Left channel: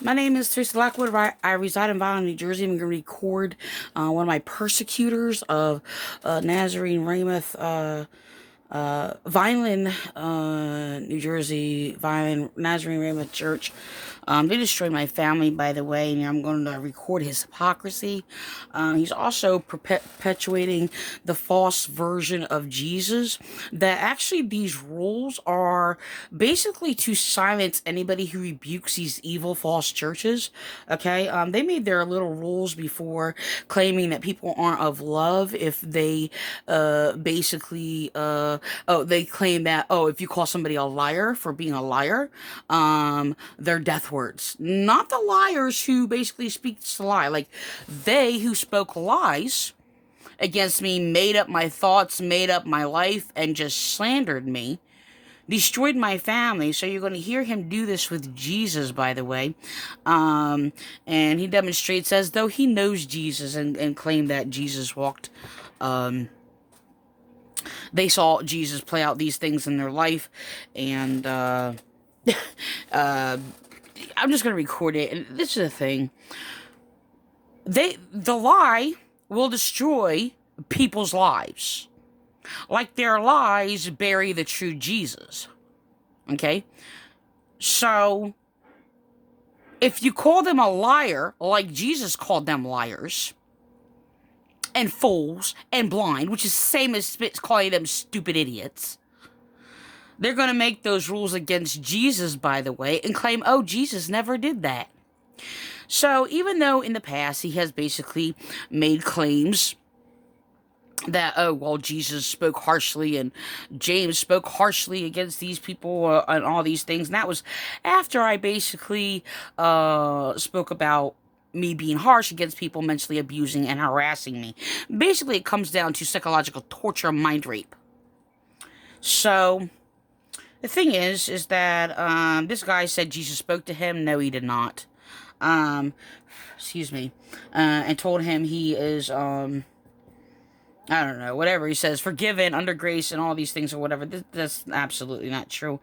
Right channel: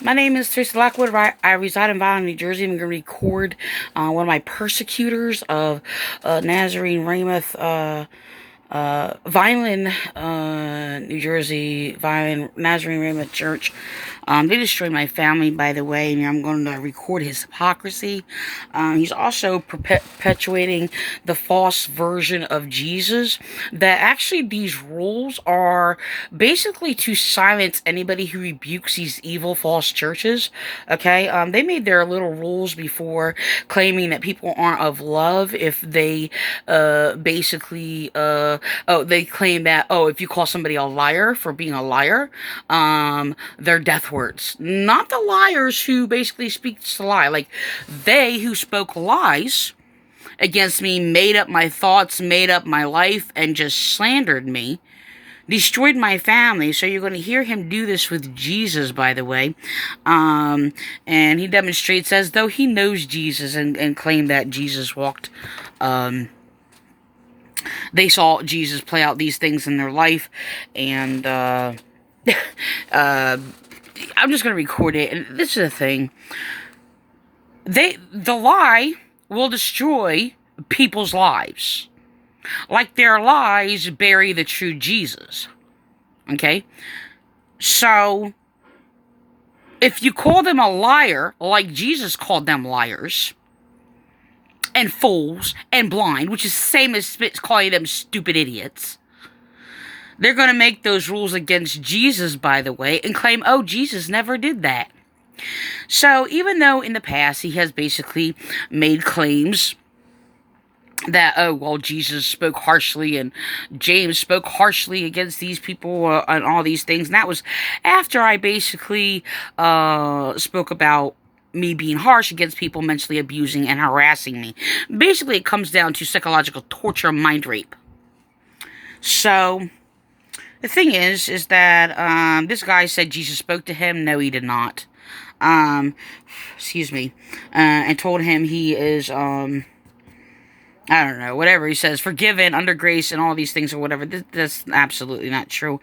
My name is Teresa Lockwood. I reside in Vineland, New Jersey. I'm going to record one of my persecutors of Nazarene Ramoth, Vineland, New Jersey, Vineland Nazarene Ramoth Church. They destroyed my family, by the way, and I'm going to record his hypocrisy. He's also perpetuating the false version of Jesus. That actually these rules are basically to silence anybody who rebukes these evil false churches. Okay, they made their little rules before, claiming that people aren't of love if they they claim that, if you call somebody a liar for being a liar, they're death words. Not the liars who basically speak to lie. Like, they who spoke lies against me, made up my thoughts, made up my life, and just slandered me, destroyed my family. So you're going to hear him do this with Jesus, by the way. And he demonstrates as though he knows Jesus, and claimed that Jesus walked, they saw Jesus play out these things in their life. And I'm just going to record it. And this is the thing. The lie will destroy people's lives. Like their lies bury the true Jesus. Okay? So, if you call them a liar, like Jesus called them liars, and fools, and blind, which is the same as calling them stupid idiots, they're going to make those rules against Jesus, by the way, and claim, oh, Jesus never did that. So, even though in the past he has basically made claims that, oh, well, Jesus spoke harshly and James spoke harshly against these people, and all these things. And that was after I basically spoke about me being harsh against people mentally abusing and harassing me. Basically, it comes down to psychological torture, mind rape. So, the thing is that this guy said Jesus spoke to him. No, he did not. Excuse me. And told him he is, I don't know, whatever he says, forgiven, under grace, and all these things or whatever. That's absolutely not true.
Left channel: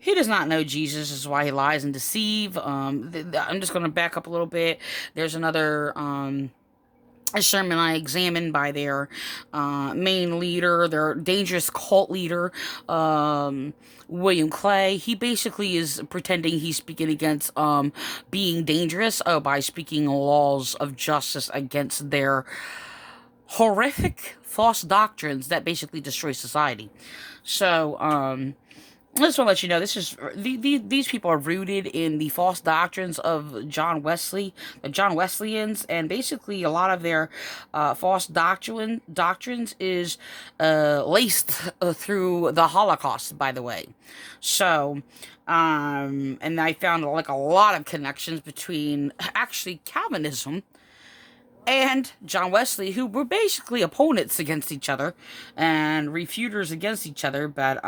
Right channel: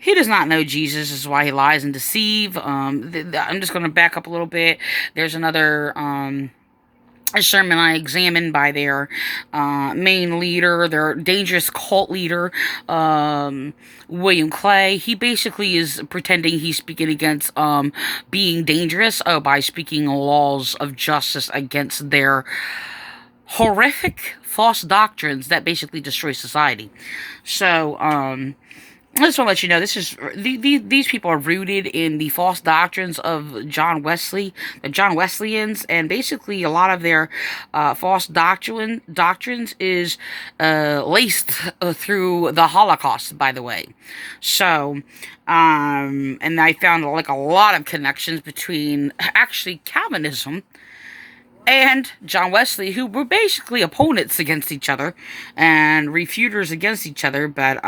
He does not know Jesus. This is why he lies and deceive. I'm just going to back up a little bit. There's another a sermon I examined by their main leader, their dangerous cult leader, William Clay. He basically is pretending he's speaking against being dangerous by speaking laws of justice against their horrific false doctrines that basically destroy society. So, I just want to let you know, these people are rooted in the false doctrines of John Wesley, the John Wesleyans, and basically a lot of their false doctrines is laced through the Holocaust, by the way. So, and I found like a lot of connections between actually Calvinism and John Wesley, who were basically opponents against each other and refuters against each other, but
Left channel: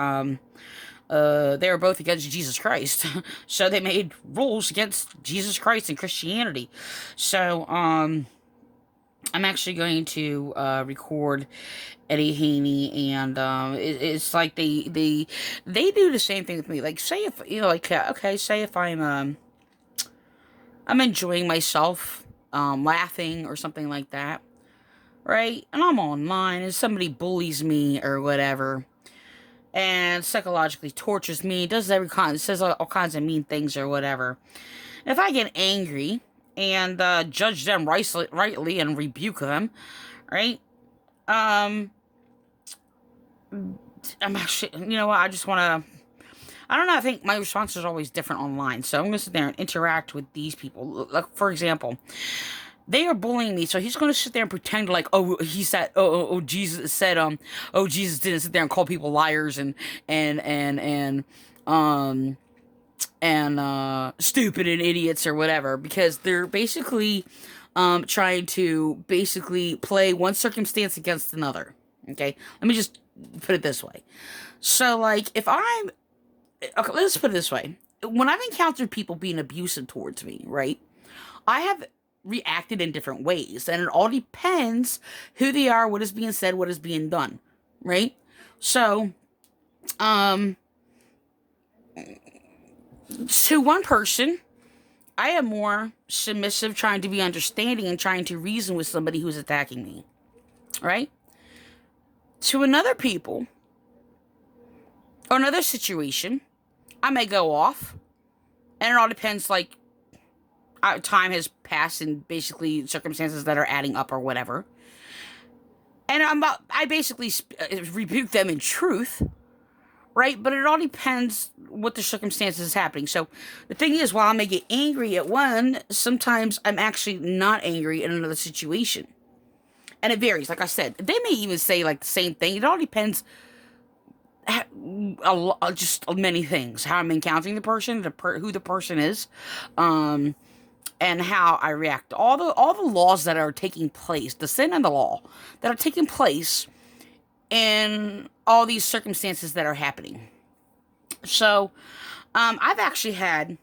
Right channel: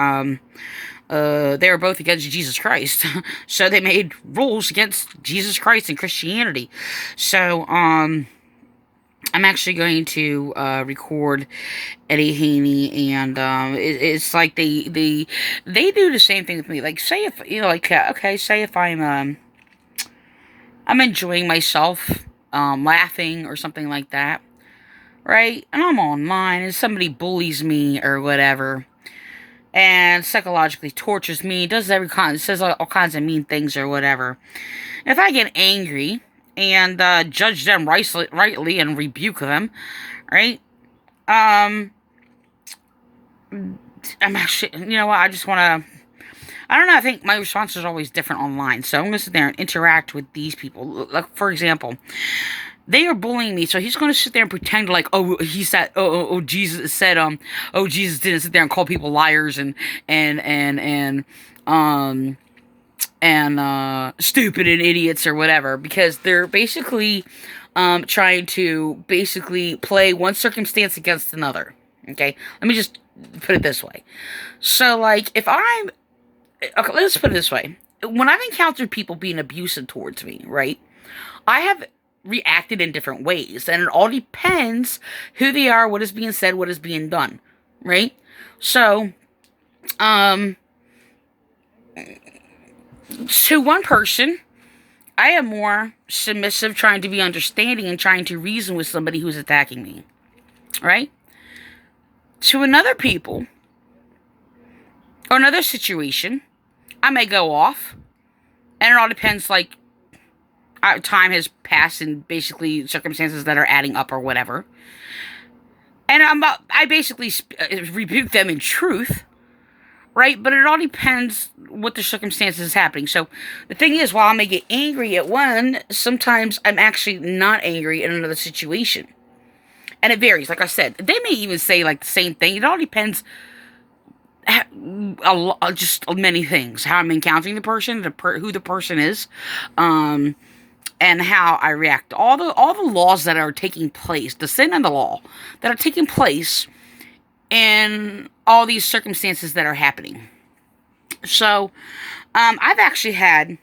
they were both against Jesus Christ. So they made rules against Jesus Christ and Christianity. So I'm actually going to record Eddie Haney, and it's like they do the same thing with me. Like, say if okay, say if I'm enjoying myself, laughing or something like that, right? And I'm online and somebody bullies me or whatever, and psychologically tortures me, says all kinds of mean things or whatever. If I get angry and judge them rightly and rebuke them, right? Um, I'm actually, you know what? I just want to. I don't know. I think my responses are always different online, so I'm gonna sit there and interact with these people. Like, for example, they are bullying me, so he's going to sit there and pretend like, oh, he said, Jesus said, oh, Jesus didn't sit there and call people liars and um stupid and idiots or whatever, because they're basically trying to basically play one circumstance against another. Okay, let me just put it this way. So, like, if I'm okay, let's put it this way: when I've encountered people being abusive towards me, right? I have reacted in different ways, and it all depends who they are, what is being said, what is being done, right? So, um, To one person, I am more submissive, trying to be understanding and trying to reason with somebody who's attacking me, right? To another people or another situation, I may go off, and it all depends, like, time has passed and basically circumstances that are adding up or whatever. And I basically rebuke them in truth, right? But it all depends what the circumstances is happening. So the thing is, while I may get angry at one, sometimes I'm actually not angry in another situation. And it varies. Like I said, they may even say like the same thing. It all depends just many things. How I'm encountering the person, who the person is, and how I react. All the laws that are taking place, the sin and the law that are taking place in all these circumstances that are happening. So, I've actually had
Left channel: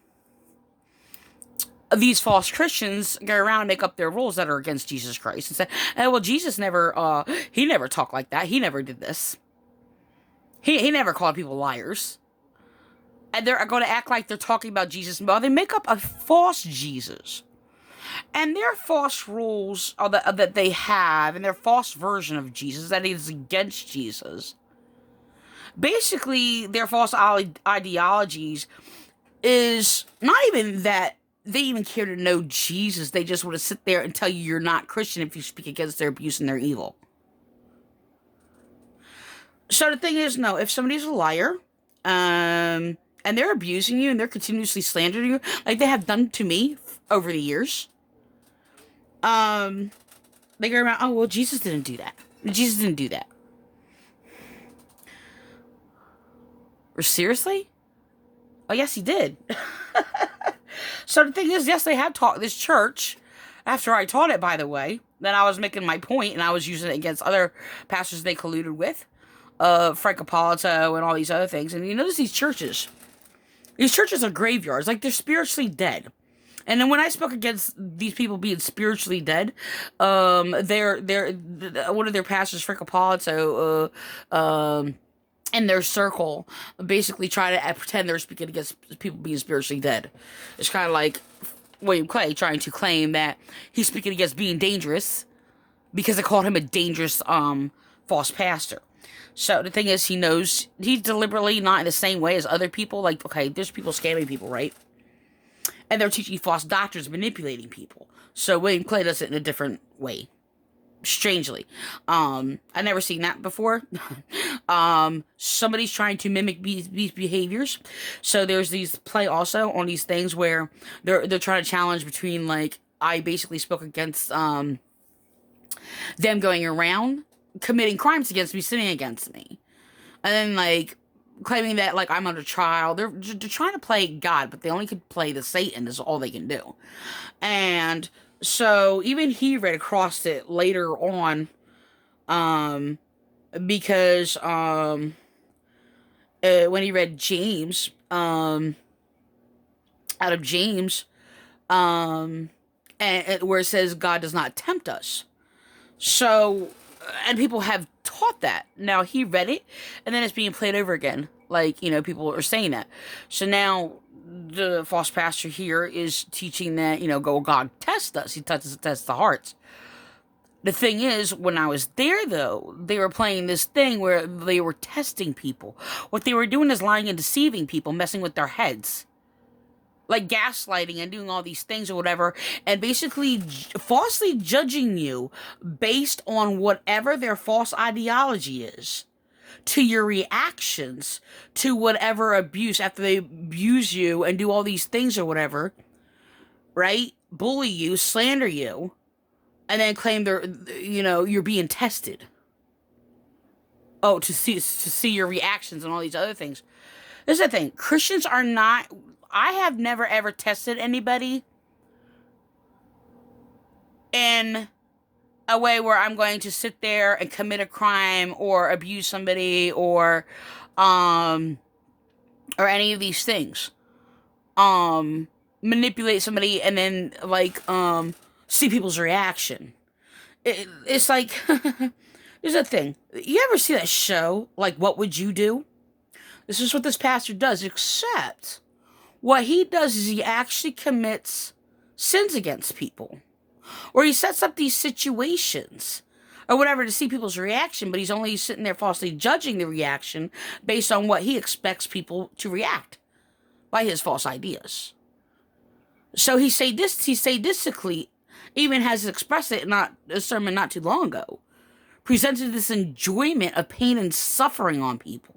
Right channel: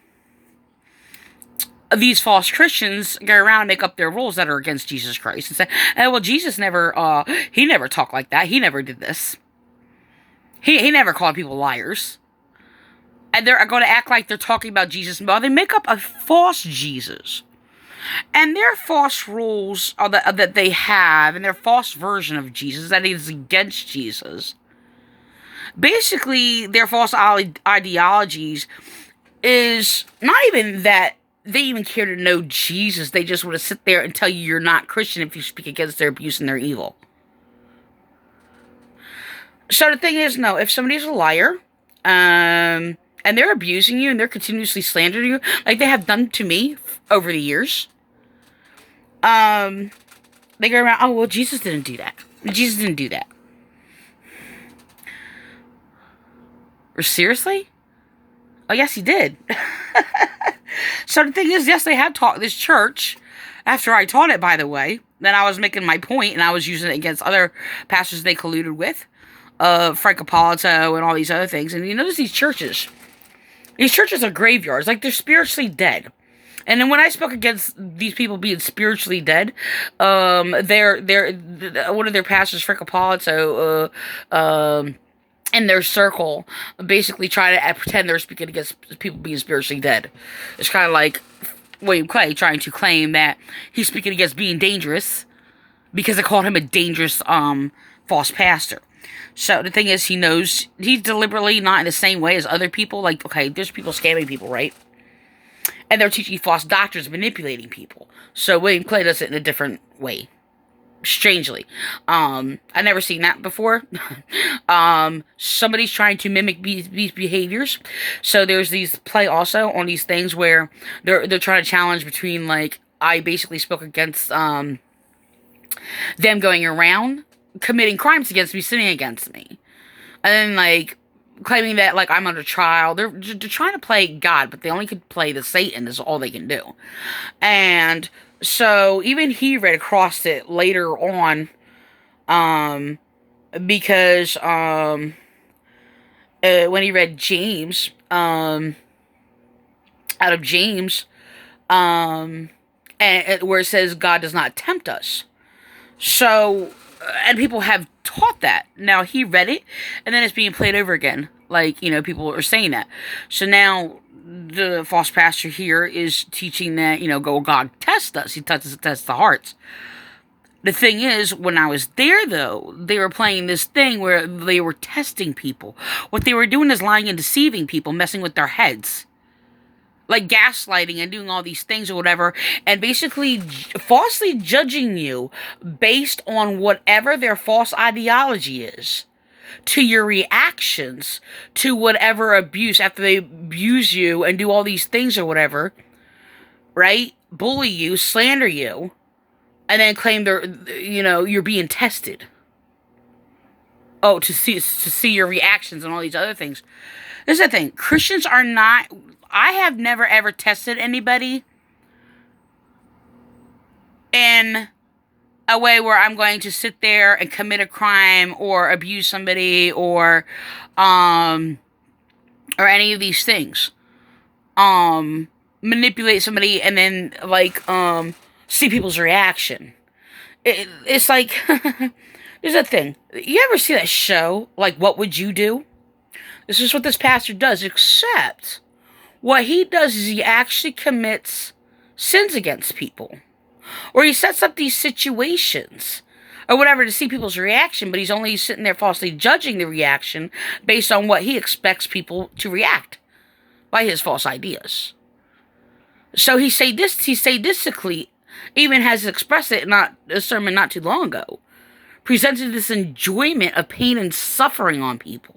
these false Christians go around and make up their rules that are against Jesus Christ and say, "Oh, well, Jesus never, he never talked like that. He never did this. He never called people liars." And they're going to act like they're talking about Jesus. Well, they make up a false Jesus. And their false rules that they have, and their false version of Jesus that is against Jesus, basically their false ideologies is not even that they even care to know Jesus. They just want to sit there and tell you you're not Christian if you speak against their abuse and their evil. So the thing is, no, if somebody's a liar, and they're abusing you and they're continuously slandering you, like they have done to me over the years, they go around, "Oh, well, Jesus didn't do that. Jesus didn't do that." Or seriously? Oh, yes, he did. So the thing is, yes, they have taught this church, after I taught it, by the way, then I was making my point and I was using it against other pastors they colluded with, Frank Appolito and all these other things. And you notice these churches are graveyards, like they're spiritually dead. And then when I spoke against these people being spiritually dead, one of their pastors, Frank Appolito, in their circle, basically try to pretend they're speaking against people being spiritually dead. It's kind of like William Clay trying to claim that he's speaking against being dangerous because they called him a dangerous false pastor. So the thing is, he knows he's deliberately not in the same way as other people. Like, okay, there's people scamming people, right? And they're teaching false doctrines, manipulating people. So William Clay does it in a different way. Strangely. I never seen that before. Somebody's trying to mimic these behaviors. So there's these play also on these things where they're trying to challenge between, like, I basically spoke against them going around committing crimes against me, sinning against me. And then, like, claiming that, like, I'm under trial. They're trying to play God, but they only could play the Satan is all they can do. And so even he read across it later on, because when he read James, out of James, and where it says God does not tempt us. So, and people have taught that. Now he read it, and then it's being played over again. Like, you know, people are saying that. So now the false pastor here is teaching that, you know, God tests us. He tests the hearts. The thing is, when I was there, though, they were playing this thing where they were testing people. What they were doing is lying and deceiving people, messing with their heads. Like gaslighting and doing all these things or whatever, and basically falsely judging you based on whatever their false ideology is, to your reactions to whatever abuse, after they abuse you and do all these things or whatever, right? Bully you, slander you, and then claim you're being tested. Oh, to see your reactions and all these other things. This is the thing. Christians are not... I have never ever tested anybody in a way where I'm going to sit there and commit a crime or abuse somebody or any of these things. Manipulate somebody and then, like, see people's reaction. It's like, there's a thing. You ever see that show, like, What Would You Do? This is what this pastor does, except What he does is he actually commits sins against people. Or he sets up these situations or whatever to see people's reaction, but he's only sitting there falsely judging the reaction based on what he expects people to react by his false ideas. So he sadistically even has expressed it in a sermon not too long ago, presented this enjoyment of pain and suffering on people.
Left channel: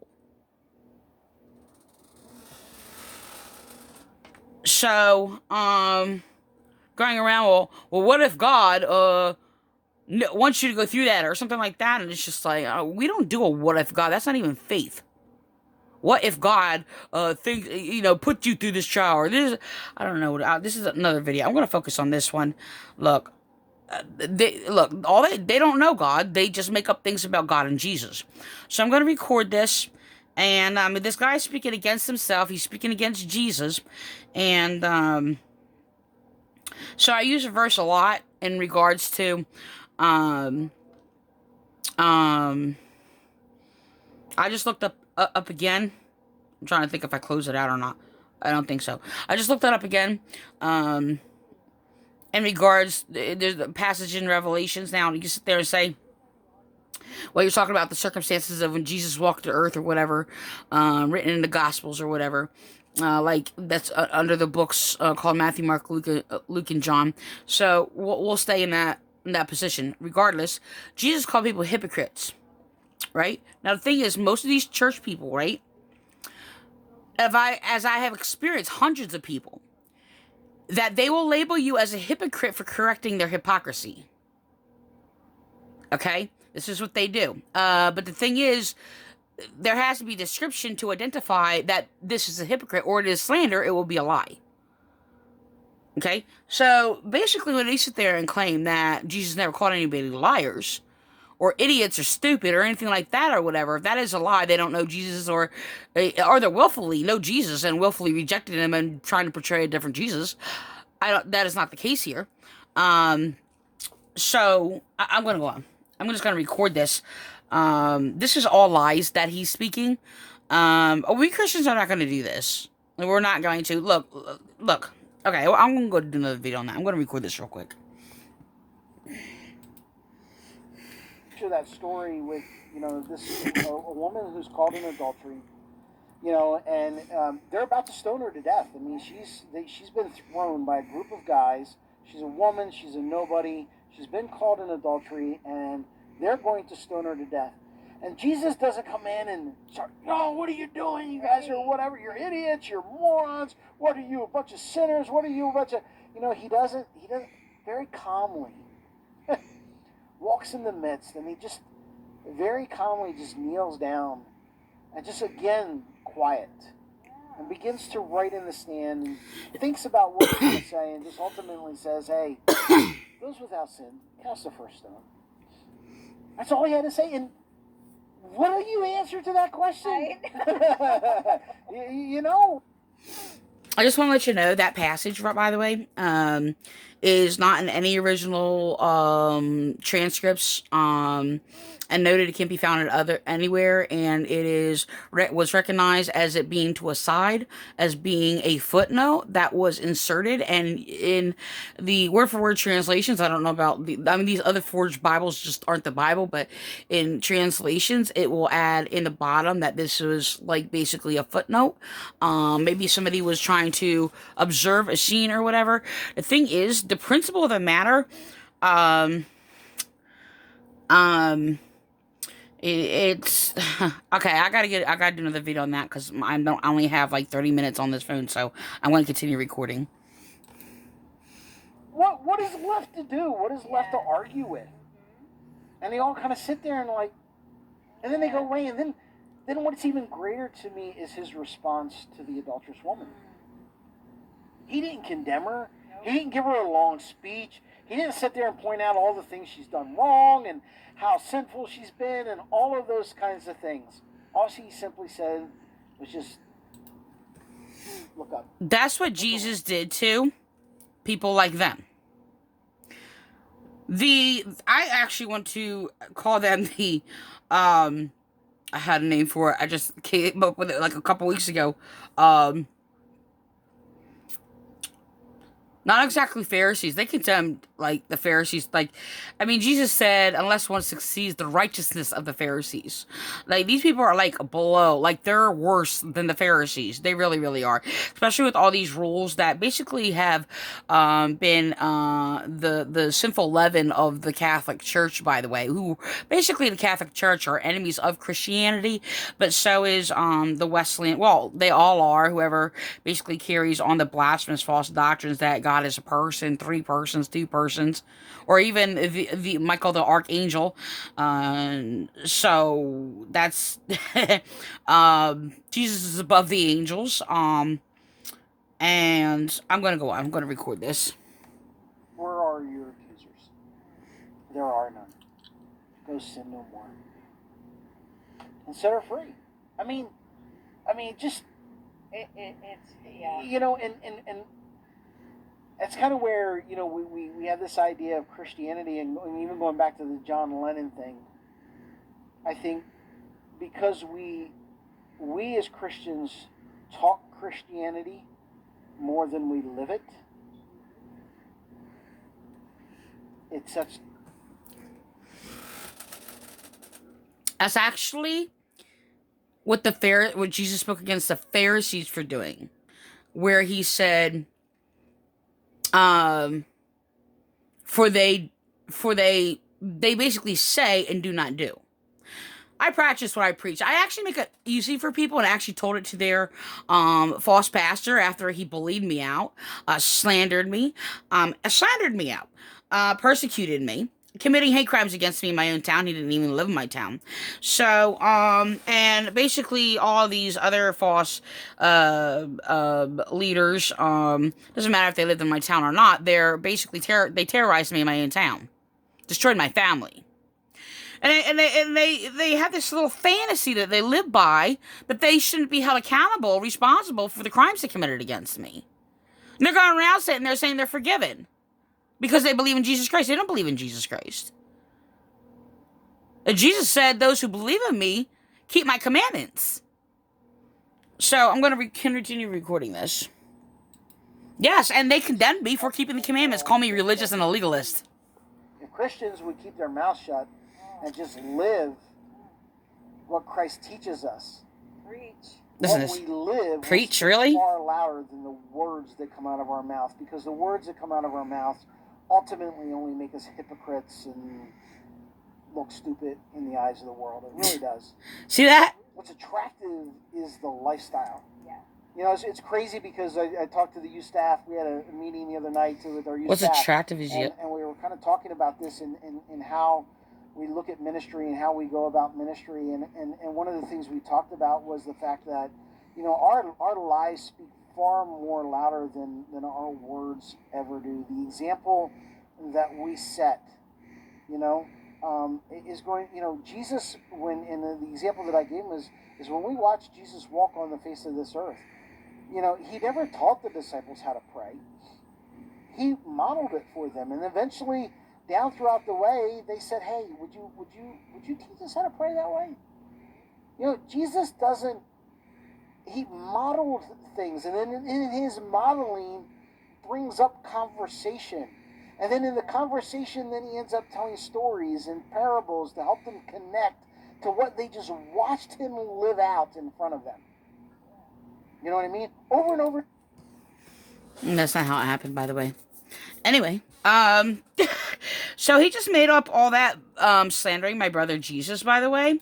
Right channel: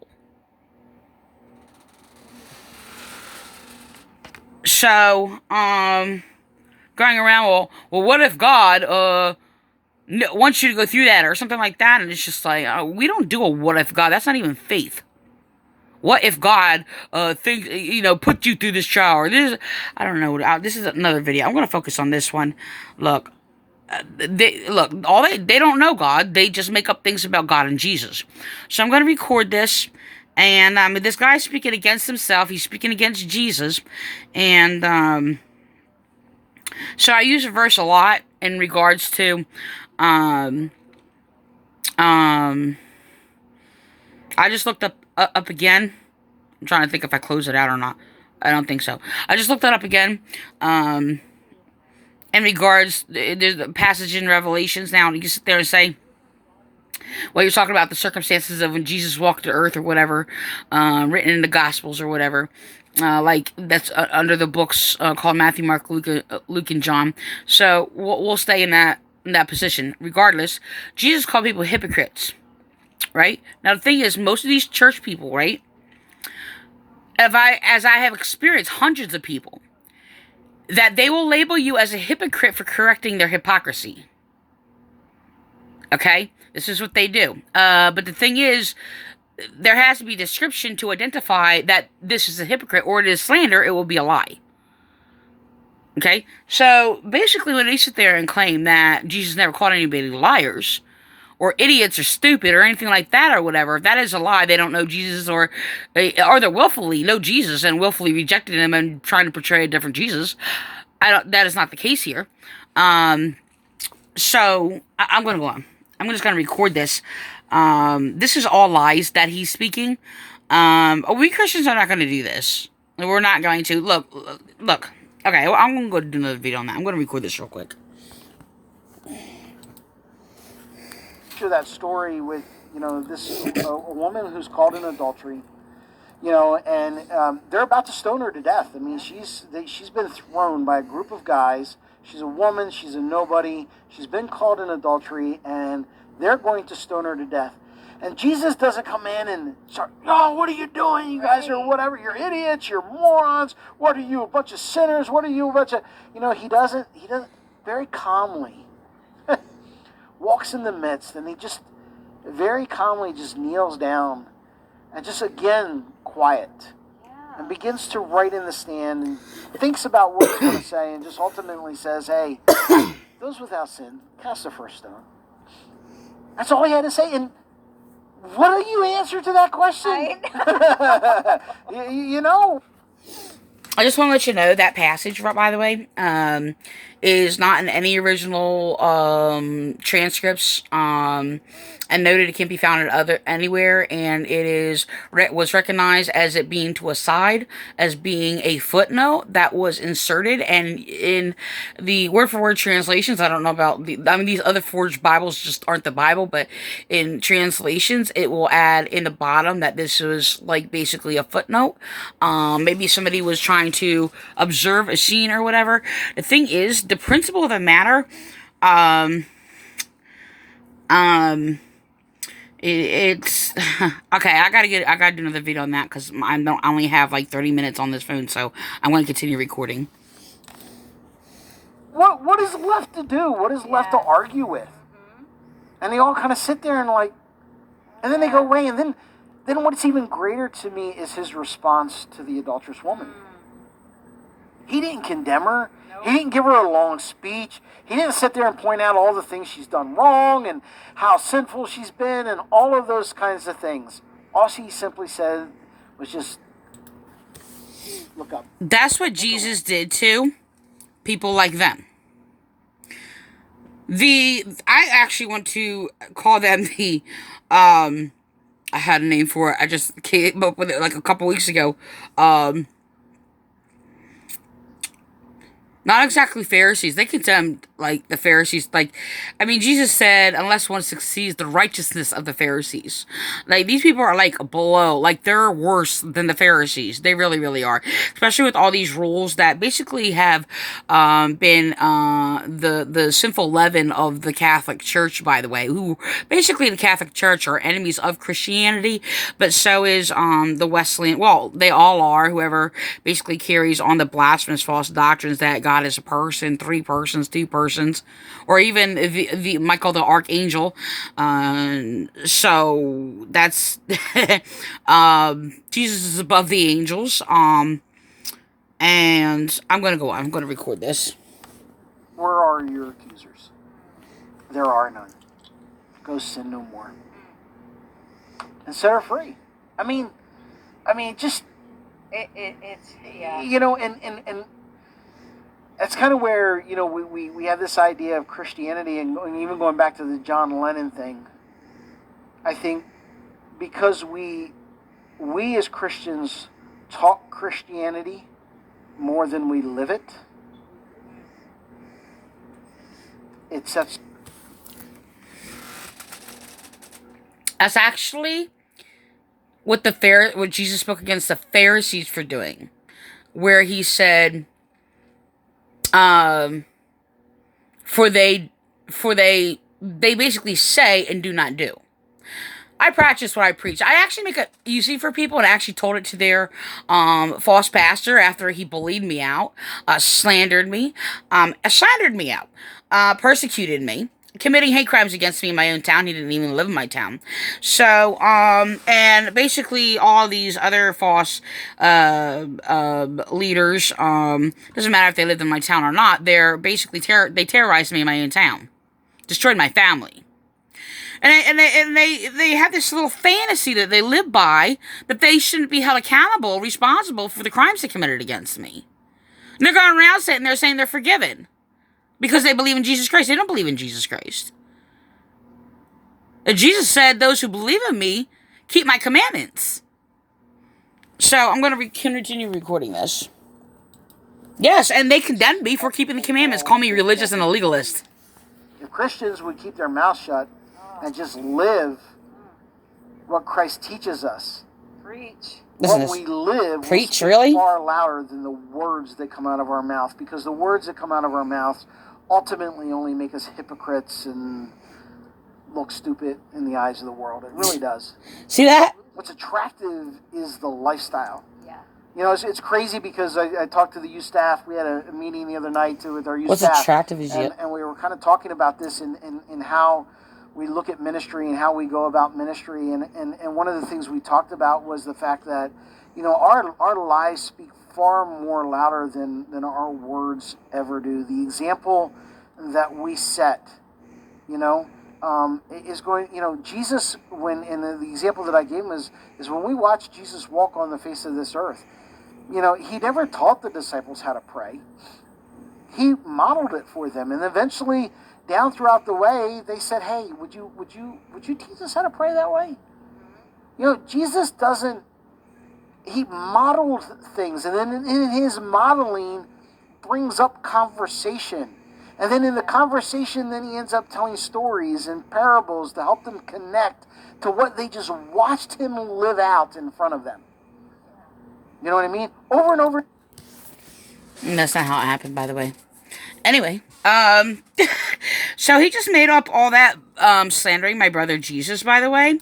So, going around, well, what if God, wants you to go through that or something like that? And it's just like, we don't do a what if God. That's not even faith. What if God, thinks, put you through this trial or this? I don't know. This is another video. I'm going to focus on this one. Look, they don't know God. They just make up things about God and Jesus. So I'm going to record this. And, this guy's speaking against himself. He's speaking against Jesus. And, so I use a verse a lot in regards to, I just looked up again. I'm trying to think if I close it out or not. I don't think so. I just looked that up again. In regards, there's a passage in Revelations now, and you can sit there and say, well, you're talking about the circumstances of when Jesus walked the earth or whatever, written in the Gospels or whatever. Like that's under the books called Matthew, Mark, Luke, and John. So we'll stay in that position. Regardless, Jesus called people hypocrites, right? Now the thing is, most of these church people, right? As I have experienced hundreds of people, that they will label you as a hypocrite for correcting their hypocrisy. Okay, this is what they do. But the thing is, there has to be a description to identify that this is a hypocrite, or it is slander. It will be a lie. Okay, so basically, when they sit there and claim that Jesus never called anybody liars, or idiots, or stupid, or anything like that, or whatever, if that is a lie, they don't know Jesus, or they willfully know Jesus and willfully rejected him and trying to portray a different Jesus. That is not the case here. So I'm going to go on. I'm just going to record this. This is all lies that he's speaking. We Christians are not going to do this. We're not going to. Look. Okay, well, I'm going to go do another video on that. I'm going to record this real quick. That story with, this a woman who's caught in adultery, and they're about to stone her to death. I mean, she's been thrown by a group of guys. She's a woman. She's a nobody. She's been caught in adultery, and they're going to stone her to death. And Jesus doesn't come in and start, oh, what are you doing? You guys are whatever. You're idiots. You're morons. What are you, a bunch of sinners? What are you, a bunch of, he doesn't very calmly walks in the midst, and he just very calmly just kneels down and just again quiet and begins to write in the stand and thinks about what he's going to say and just ultimately says, hey, those without sin, cast the first stone. That's all he had to say. And what do you answer to that question? I just want to let you know that passage, by the way, is not in any original transcripts, and noted it can't be found anywhere, and it was recognized as it being to a side, as being a footnote that was inserted, and in the word-for-word translations, I don't know about these other forged Bibles just aren't the Bible, but in translations, it will add in the bottom that this was like basically a footnote. Maybe somebody was trying to observe a scene or whatever. The thing is, the principle of the matter, it's okay. I gotta do another video on that because I only have like 30 minutes on this phone, so I'm going to continue recording. What is left to do? What is left to argue with? And they all kind of sit there and then they go away, and then what's even greater to me is his response to the adulterous woman. He didn't condemn her. He didn't give her a long speech. He didn't sit there and point out all the things she's done wrong and how sinful she's been and all of those kinds of things. All she simply said was just look up. That's what Jesus did to people like them. I actually want to call them I had a name for it. I just came up with it like a couple weeks ago. Not exactly Pharisees. They condemned, like, the Pharisees. Like, I mean, Jesus said, unless one succeeds, the righteousness of the Pharisees. Like, these people are, like, below. Like, they're worse than the Pharisees. They really, really are. Especially with all these rules that basically have been the sinful leaven of the Catholic Church, by the way. Who, basically, the Catholic Church are enemies of Christianity, but so is the Wesleyan. Well, they all are. Whoever basically carries on the blasphemous false doctrines that God is a person, three persons, two persons, or even the Michael the Archangel. So that's Jesus is above the angels. And I'm gonna go on. I'm gonna record this. Where are your accusers? There are none. Go sin no more. And set her free. I mean, just It's yeah. you know, and that's kind of where, you know, we have this idea of Christianity, and even going back to the John Lennon thing. I think because we as Christians talk Christianity more than we live it, it sets. That's actually what what Jesus spoke against the Pharisees for doing, where he said, for they basically say and do not do. I practice what I preach. I actually make it easy for people, and I actually told it to their false pastor after he bullied me out, slandered me out, persecuted me, committing hate crimes against me in my own town. He didn't even live in my town. So, and basically all these other false leaders, doesn't matter if they lived in my town or not, they're basically they terrorized me in my own town, destroyed my family. And they have this little fantasy that they live by, that they shouldn't be held accountable, responsible for the crimes they committed against me. And they're going around sitting there saying they're forgiven because they believe in Jesus Christ. They don't believe in Jesus Christ. And Jesus said, those who believe in me keep my commandments. So I'm going to continue recording this. Yes, and they condemned me for keeping the commandments, call me religious and a legalist. If Christians would keep their mouth shut and just live what Christ teaches us, Preach. what we live Preach, will really? far louder than the words that come out of our mouth, because the words that come out of our mouths ultimately only make us hypocrites and look stupid in the eyes of the world. It really does. See that? What's attractive is the lifestyle. Yeah. You know, it's crazy because I talked to the youth staff. We had a meeting the other night with our youth What's staff. attractive is it? And we were kind of talking about this in how we look at ministry and how we go about ministry. And one of the things we talked about was the fact that, you know, our lives speak far more louder than our words ever do. The example that we set, you know, is going, you know, Jesus, when, in the example that I gave him is when we watch Jesus walk on the face of this earth, you know, he never taught the disciples how to pray. He modeled it for them. And eventually, down throughout the way, they said, hey, would you teach us how to pray that way? You know, Jesus doesn't, he modeled things, and then in his modeling brings up conversation. And then in the conversation, then he ends up telling stories and parables to help them connect to what they just watched him live out in front of them. You know what I mean? Over and over. And that's not how it happened, by the way. Anyway, so he just made up all that, slandering my brother Jesus, by the way.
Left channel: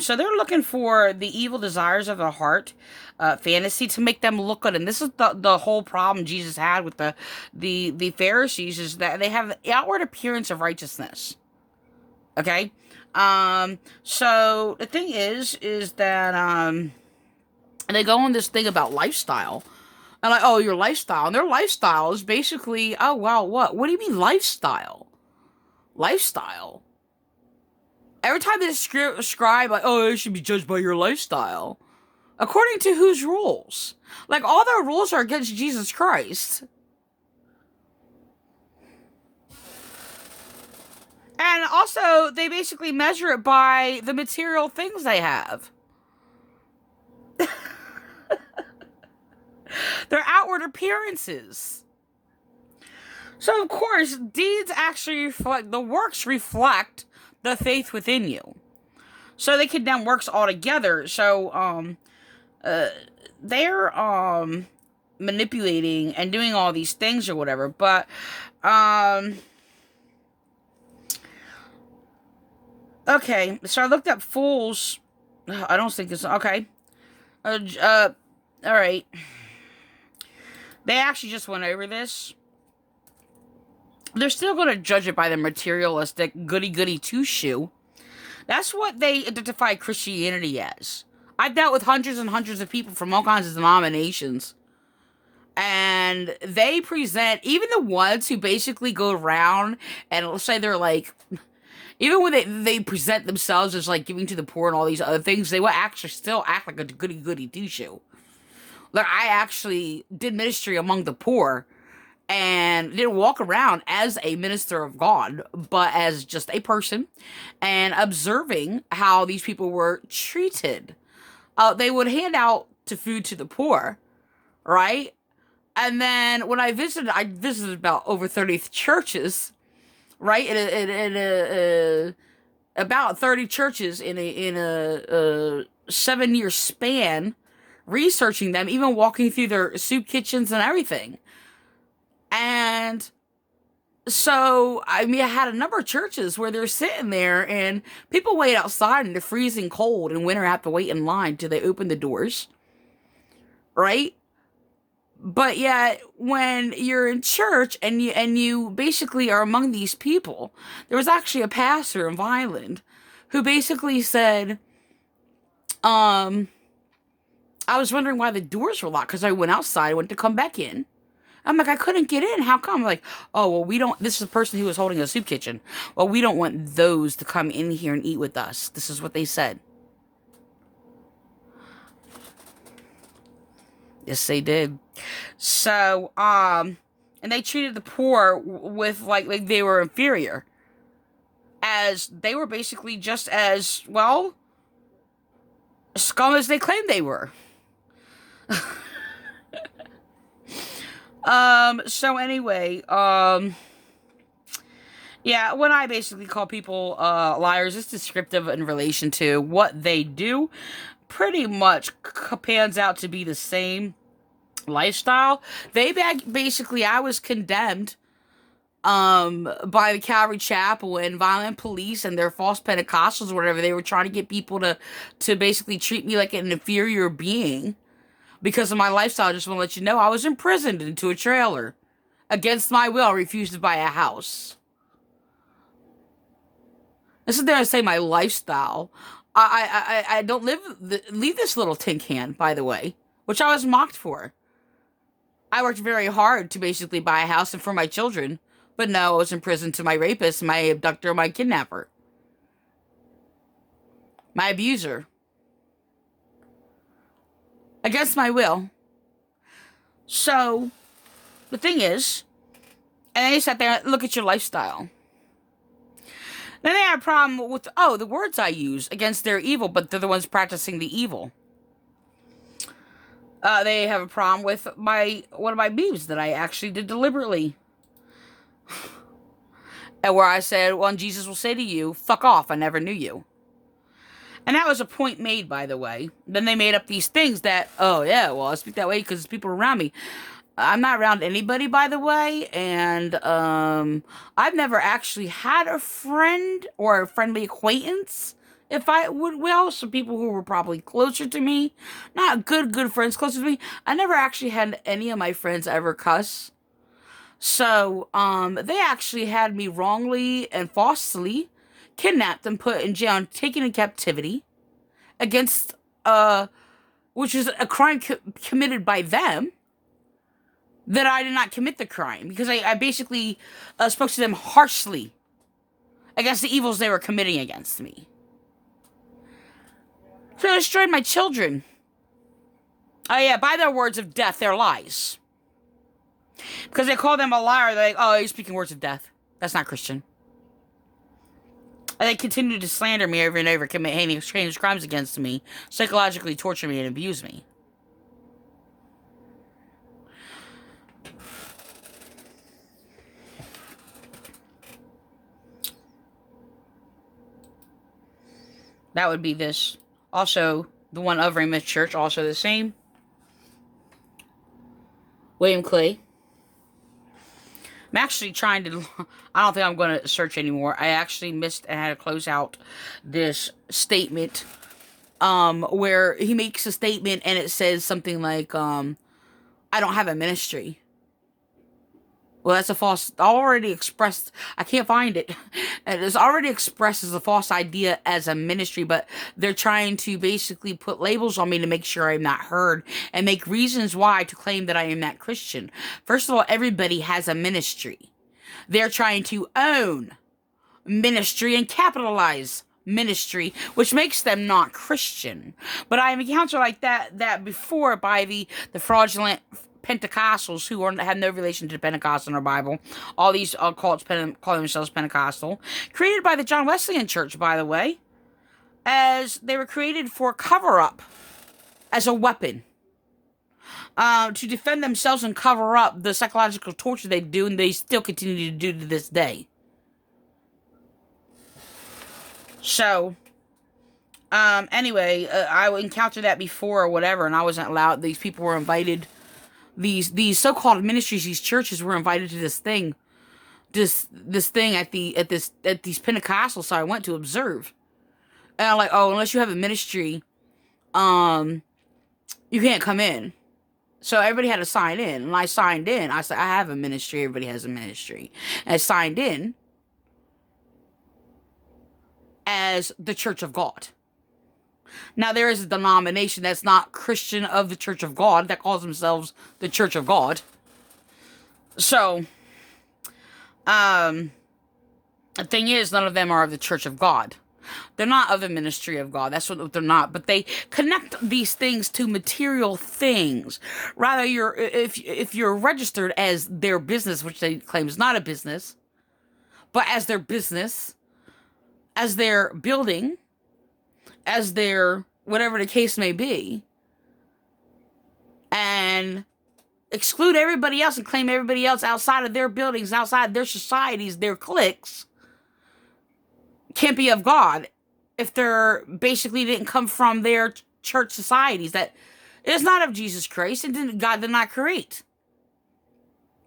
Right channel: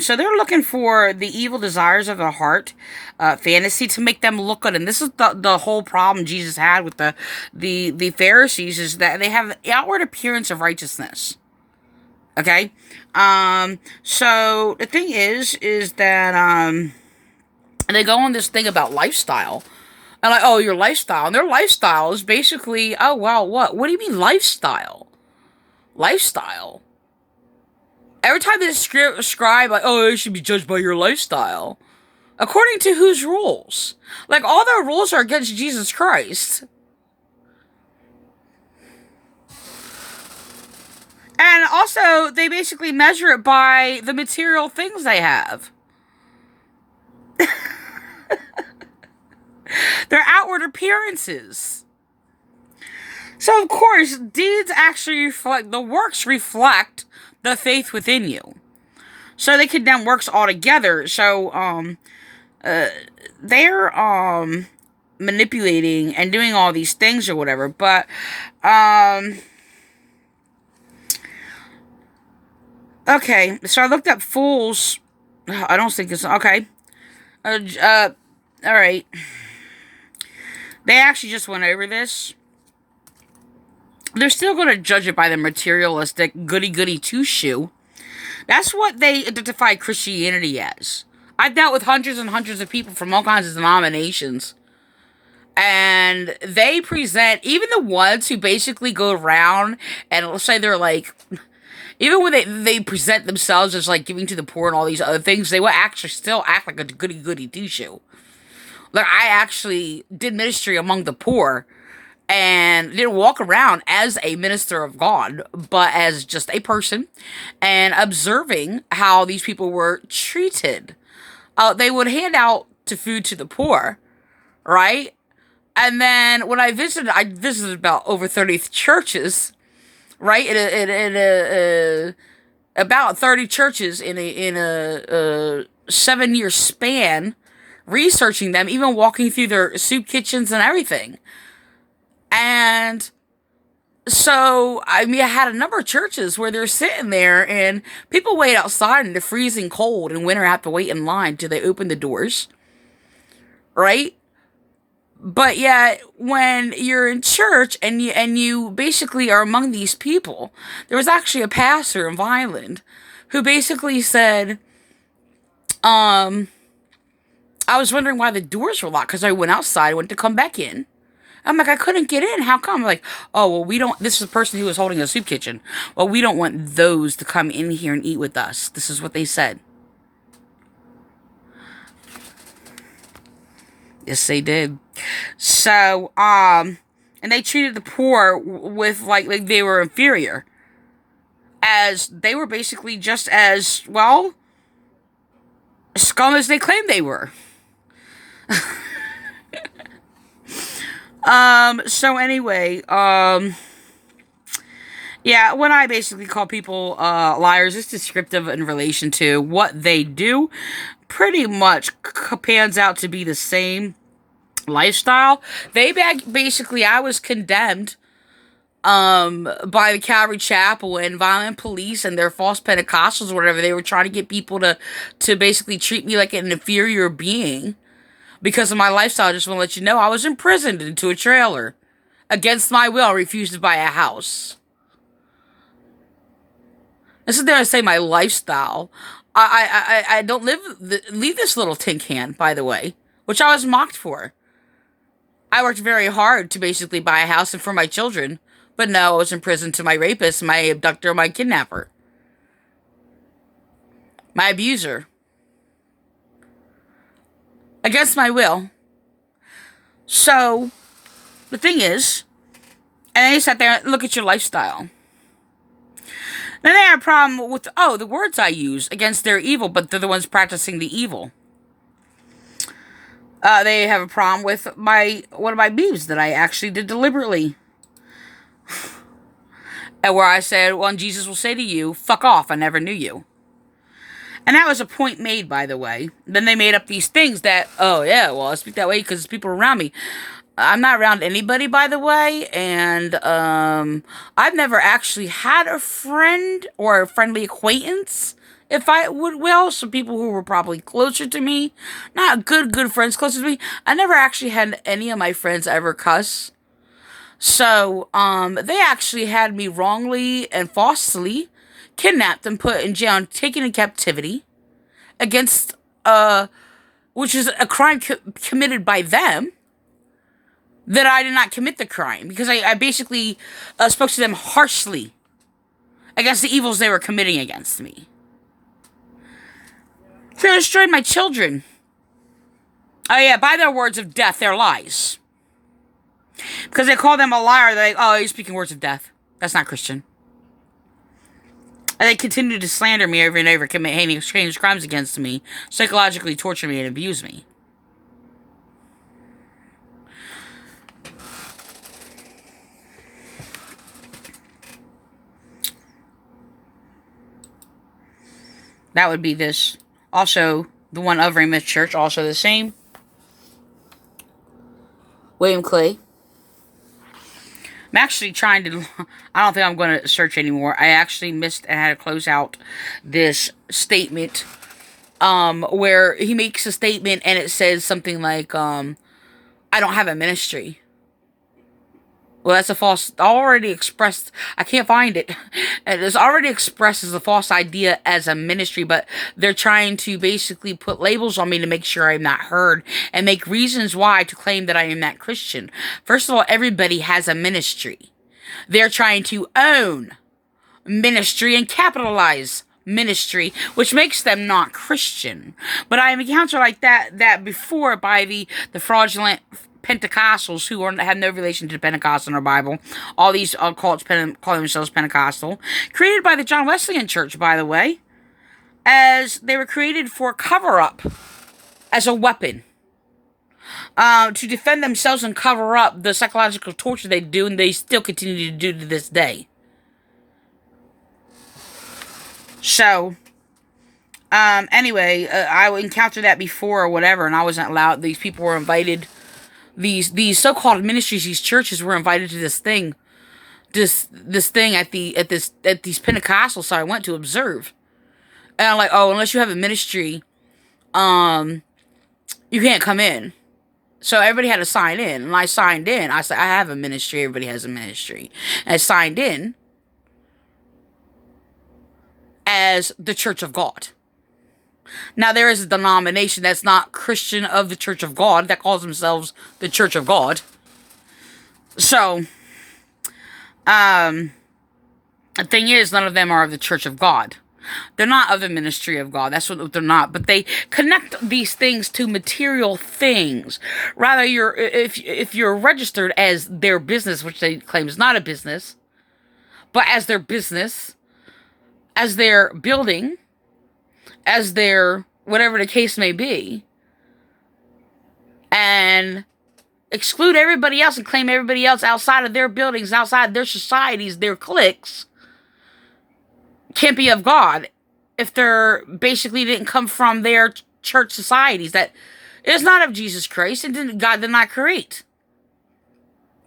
So they're looking for the evil desires of the heart, fantasy to make them look good. And this is the whole problem Jesus had with the Pharisees, is that they have the outward appearance of righteousness. Okay? So the thing is that, they go on this thing about lifestyle. And like, oh, your lifestyle. And their lifestyle is basically, oh, wow, what? What do you mean lifestyle? Lifestyle? Every time they describe, like, oh, you should be judged by your lifestyle. According to whose rules? Like, all their rules are against Jesus Christ. And also, they basically measure it by the material things they have. Their outward appearances. So, of course, deeds actually reflect, the works reflect the faith within you. So they condemn works altogether. So, they're, manipulating and doing all these things or whatever. But, okay. So I looked up fools. I don't think it's, okay. Alright. They actually just went over this. They're still going to judge it by the materialistic goody-goody two-shoe. That's what they identify Christianity as. I've dealt with hundreds and hundreds of people from all kinds of denominations. And they present, even the ones who basically go around and let's say they're like, even when they present themselves as like giving to the poor and all these other things, they will actually still act like a goody-goody two-shoe. Like, I actually did ministry among the poor and didn't walk around as a minister of God, but as just a person and observing how these people were treated. They would hand out to food to the poor, right? And then when I visited about over 30 churches, right? About 30 churches in a 7-year span, researching them, even walking through their soup kitchens and everything. And so, I mean, I had a number of churches where they're sitting there and people wait outside in the freezing cold and winter have to wait in line till they open the doors. Right? But yet, when you're in church and you basically are among these people, there was actually a pastor in Vineland who basically said, I was wondering why the doors were locked because I went outside, went to come back in. I'm like, I couldn't get in. How come? Like, oh, well, we don't, this is the person who was holding a soup kitchen. Well, we don't want those to come in here and eat with us. This is what they said. Yes, they did. So, and they treated the poor with like they were inferior. As they were basically just as, well, scum as they claimed they were. So anyway, yeah, when I basically call people, liars, it's descriptive in relation to what they do. Pretty much pans out to be the same lifestyle. They basically, I was condemned, by the Calvary Chapel and violent police and their false Pentecostals or whatever. They were trying to get people to basically treat me like an inferior being. Because of my lifestyle, I just want to let you know, I was imprisoned into a trailer. Against my will, refused to buy a house. This is there to say my lifestyle. I don't leave this little tin can, by the way. Which I was mocked for. I worked very hard to basically buy a house and for my children. But no, I was in prison to my rapist, my abductor, my kidnapper. My abuser. Against my will. So, the thing is, and they sat there and look at your lifestyle. Then they had a problem with, the words I use against their evil, but they're the ones practicing the evil. They have a problem with one of my beeps that I actually did deliberately. And where I said, well, Jesus will say to you, fuck off, I never knew you. And that was a point made, by the way. Then they made up these things that, oh, yeah, well, I speak that way because people around me. I'm not around anybody, by the way. And I've never actually had a friend or a friendly acquaintance, if I would will. Some people who were probably closer to me. Not good friends closer to me. I never actually had any of my friends ever cuss. So, they actually had me wrongly and falsely kidnapped and put in jail and taken in captivity against, which is a crime committed by them, that I did not commit the crime because I basically spoke to them harshly against the evils they were committing against me. So they destroyed my children. Oh yeah, by their words of death, their lies. Because they call them a liar, they're like, oh, you're speaking words of death. That's not Christian. And they continue to slander me over and over, commit heinous crimes against me, psychologically torture me and abuse me. That would be this. Also, the one of Ramoth Church, also the same. William Clay. I'm actually trying to... I don't think I'm going to search anymore. I actually missed and had to close out this statement. Where he makes a statement and it says something like, I don't have a ministry. Well, that's a false... Already expressed... I can't find it. It's already expressed as a false idea as a ministry, but they're trying to basically put labels on me to make sure I'm not heard and make reasons why to claim that I am not Christian. First of all, everybody has a ministry. They're trying to own ministry and capitalize ministry, which makes them not Christian. But I have encountered like that before by the fraudulent Pentecostals who have no relation to the Pentecost in our Bible. All these cults call themselves Pentecostal. Created by the John Wesleyan Church, by the way, as they were created for cover-up, as a weapon. To defend themselves and cover up the psychological torture they do, and they still continue to do to this day. So, anyway, I encountered that before or whatever, and I wasn't allowed. These people were invited. These so-called ministries, these churches were invited to this thing at these Pentecostals I went to observe. And I'm like, oh, unless you have a ministry, you can't come in. So everybody had to sign in, and I signed in. I said, I have a ministry. Everybody has a ministry, and I signed in as the Church of God. Now, there is a denomination that's not Christian of the Church of God that calls themselves the Church of God. So, the thing is, none of them are of the Church of God. They're not of the ministry of God. That's what they're not. But they connect these things to material things. Rather, if you're registered as their business, which they claim is not a business, but as their business, as their building, as their whatever the case may be, and exclude everybody else and claim everybody else outside of their buildings, outside their societies, their cliques, can't be of God if they're basically didn't come from their church societies. That is not of Jesus Christ, and God did not create.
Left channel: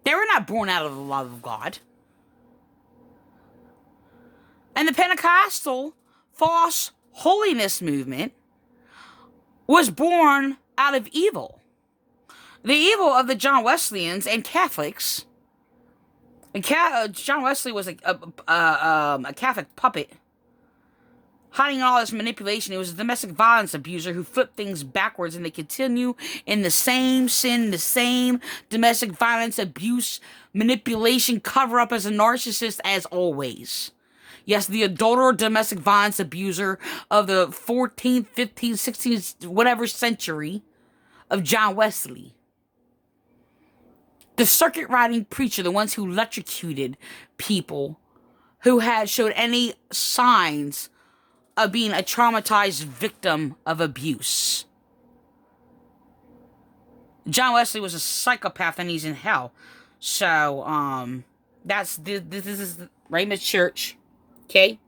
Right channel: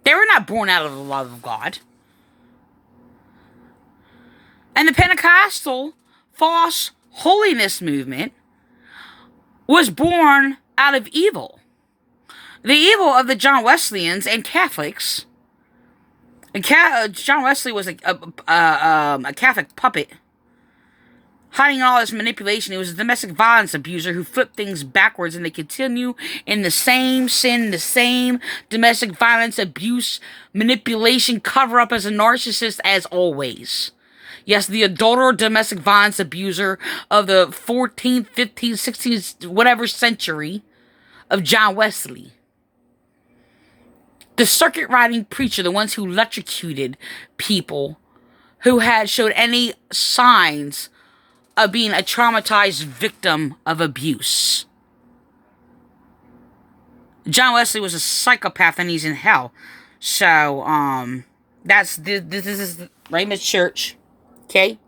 They were not born out of the love of God. And the Pentecostal false holiness movement was born out of evil. The evil of the John Wesleyans and Catholics. John Wesley was a Catholic puppet, hiding all this manipulation. He was a domestic violence abuser who flipped things backwards, and they continue in the same sin, the same domestic violence, abuse, manipulation, cover up as a narcissist as always. Yes, the adulterer, domestic violence abuser of the 14th, 15th, 16th, whatever century of John Wesley. The circuit riding preacher, the ones who electrocuted people who had showed any signs of being a traumatized victim of abuse. John Wesley was a psychopath and he's in hell. So, this is Ramoth Church. Okay?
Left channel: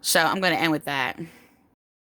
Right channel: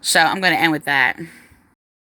So, I'm going to end with that.